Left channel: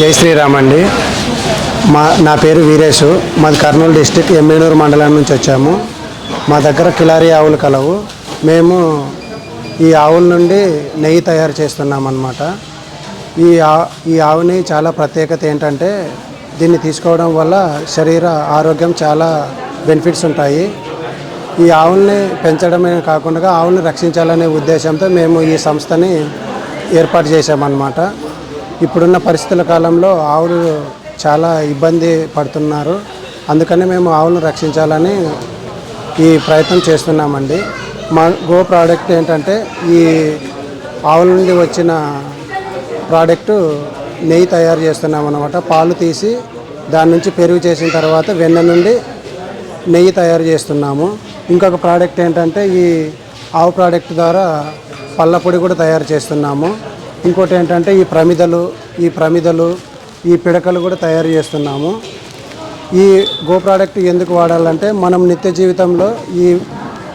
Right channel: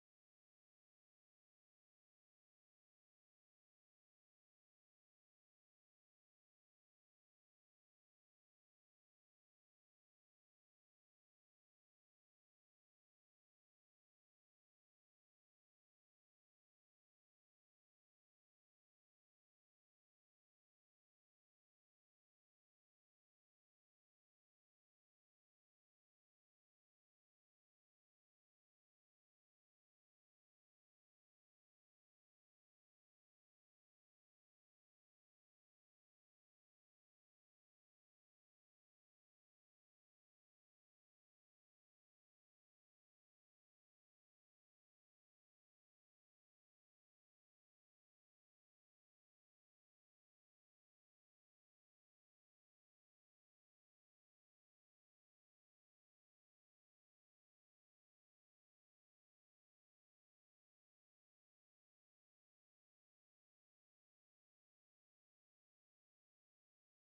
జై శ్రీరామ్ అండి. మా నా పేరు వీరేషు మాది కర్నూలు డిస్టిక్ ఎమ్మెనూరు మండలం నుంచి వచ్చాము. మా దగ్గర కిలారి ఆవులు కలవు. మేము ఈ ఆవుల నుండి నెయ్యి తయారు చేస్తున్నామన్నమాట. ఈ ఆ ఈ ఆవుని చాలా ప్రత్యేకత ఏంటంటే దీన్ని తీసుకోవడం వల్ల శరీర ఆరోగ్యం చాలా బెనిఫిట్స్ ఉంటాయి. ఈ ఆవుల్ని పెంచడమే కాకుండా ఆవుల్ని రక్షించాలనే ఉద్దేశంతో మేము ఈ సంస్థని ఏర్పాటు చేశామన్నమాట. ఇప్పుడున్న పరిస్థితుల కాలంలో ఆవులు చాలా ఇబ్బంది పడుతున్నారు. అందుకని మేము ఆవులను రక్షించాలని ఈ ప్రయత్నం చేస్తున్నామండి. మా గో ప్రోడక్ట్ ఏంటంటే ఈ ఆవుల నుండి వచ్చిన ప్రోడక్ట్ నెయ్యి తయారు చేస్తున్నాం అనమాట పాలు తీసి దాని నుంచి పెరుగు చేసిన తర్వాత వెన్న నుండి నెయ్యి తయారు చేస్తున్నాము. ఇంకొక ప్రోడక్ట్ ఏంటంటే ఈ ఆవు ప్రోడక్ట్ ద్వారా పళ్ళ పొడి కూడా తయారు చేస్తున్నాము. ఇంకోటి ఏంటంటే ఈ ప్రమిదలు ఈ ప్రమిదలు ఈ పిడకలు కూడా తయారు చేస్తున్నాము. ఈ గో ప్రోడక్ట్ ఎందుకు వాడాలంటే మనం నిత్య జీవితంలో ఈ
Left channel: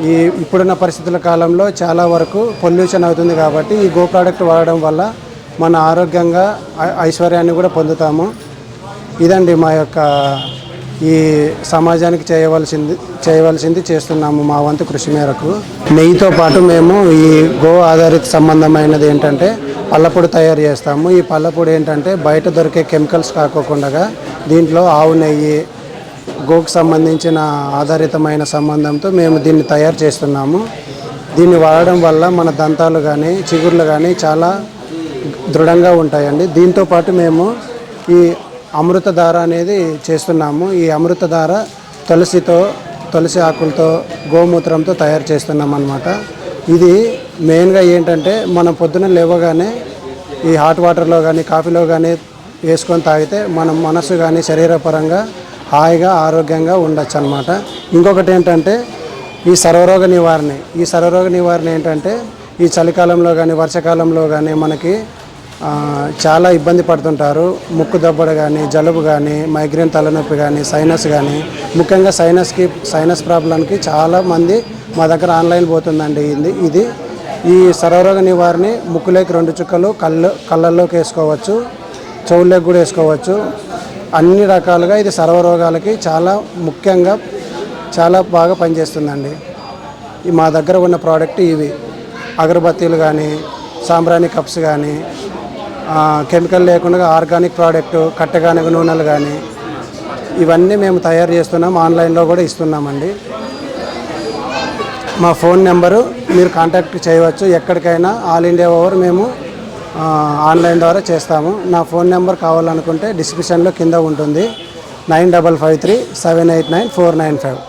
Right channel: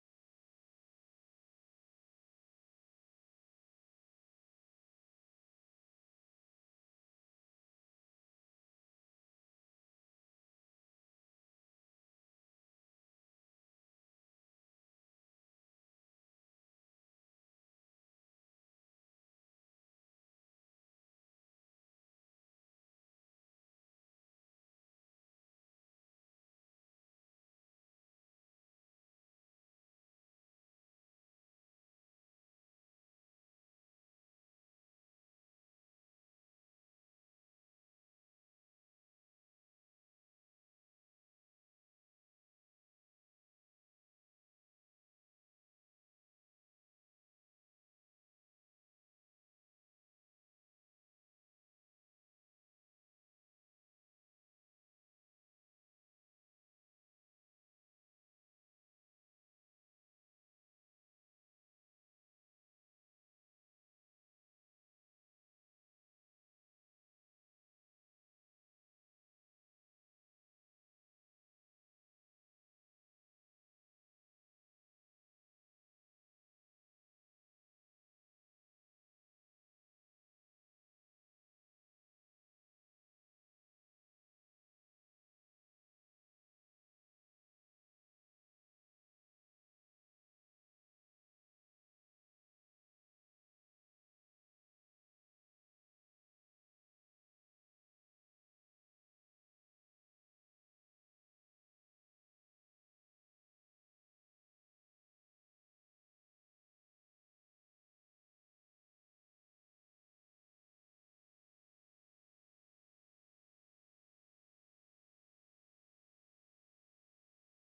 ఈ ఇప్పుడున్న పరిస్థితుల కాలంలో చాలా వరకు పొల్యూషన్ అవుతుంది కాబట్టి ఈ గో ప్రోడక్ట్ వాడడం వల్ల మన ఆరోగ్యంగా ఐ- ఐశ్వర్యాన్ని కూడా పొందుతాము. ఇదండి మా యొక్క ఈ సమాజానికి చేయవలసింది చేయవలసింది చేస్తున్నాము మా వంతు కృషి మేరకు. నెయ్యితో పాటు మేము ఈ గో ఆధారిత సంబంధమైనది ఏంటంటే పళ్ళపొడి తయారు చేస్తాము. ఈ పళ్ళపొడి ఏంటంటే బయట దొరికే కెమికల్స్ కాకోకుండా దీంట్లో ఆవు నెయ్యి గోకు సంబంధించిన ఆధారితమైన సంబంధంతో మేము దీన్ని తయారు చేస్తున్నాము. దీన్ని వాడడం వల్ల మన దంతాలు కానీ చిగుర్లు కానీ చాలా దృఢంగా ఉంటాయండి. దీంతో పాటు మేము ఈ అమృతధార అనేది చేస్తున్నాము. ఈ అమృతధార తులసితో తులసి ఆకులతో గోమూత్రంతో తయారు చేస్తున్నాం అనమాట ఇది మెయిన్గా ఏంటంటే మనం పొద్దున లేవగానే ఈ హాట్ వాటర్లో కానీ కాఫీలో కానీ వేసుకొని తాగితే మన మనసు కానీ శరీరపరంగా హాయిగా ఆరోగ్యంగా ఉండొచ్చు అనమాట ఇంకొకటి ఏంటంటే ఈ సర్వరోగ నివారణ. ఈ సర్వరోగ నివారణ ఏంటంటే ఈ చలికాలంలో కానీ వర్షాకాలంలో కానీ మనకి చాలా ఇబ్బంది పడుతుంటారు. ముక్కు దబ్బడ కానీ జలుబు కానీ మైగ్రేన్ తలనొప్పి కానీ సైనస్ కానీ ముఖ్యంగా సైనస్కి సైనస్ ప్రాబ్లంకి చాలామంది మా దగ్గర ఆన్లైన్ పోతుందండి ఇది. ఇది ఈ సర్వరోగ నివారణ ముక్కులోకి రెండు చుక్కలు కళ్ళు కళ్ళల్లోకి వేసుకోవచ్చు చెవుల్లోకి కూడా వేసుకోవచ్చు. అన్ని రకాలుగా ఇది సర్వరోగాలకి చాలా ముఖ్యంగా చాలా బాగా పనిచేస్తుందండి. ఈ మా దగ్గర ఉన్న ప్రోడక్ట్ ఇవి. అగరబత్తీలు కానీ సాంబ్రాణి కప్స్ కానీ కెమికల్ లేకుండా ఆర్గానిక్ ప్రోడక్ట్ కట్టెగానగ నూనెలు కానీ ఇవన్నీ మేము తయారు చేస్తున్నాం. ఆన్లైన్లో కూడా ఇస్తున్నామండి. మా ఫోన్ నెంబరు మీరు కాంటాక్ట్ చేయవచ్చు. ఎక్కడికైనా ఆల్ ఇండియా ఓవర్ మేము ఆన్లైన్ ద్వారా చేస్తాము. నా ఫోన్ నెంబర్ కావాలనుకుంటే డిస్క్రిప్షన్లో కింద ఉంటుంది. Nine double five three seven eight nine four nine five.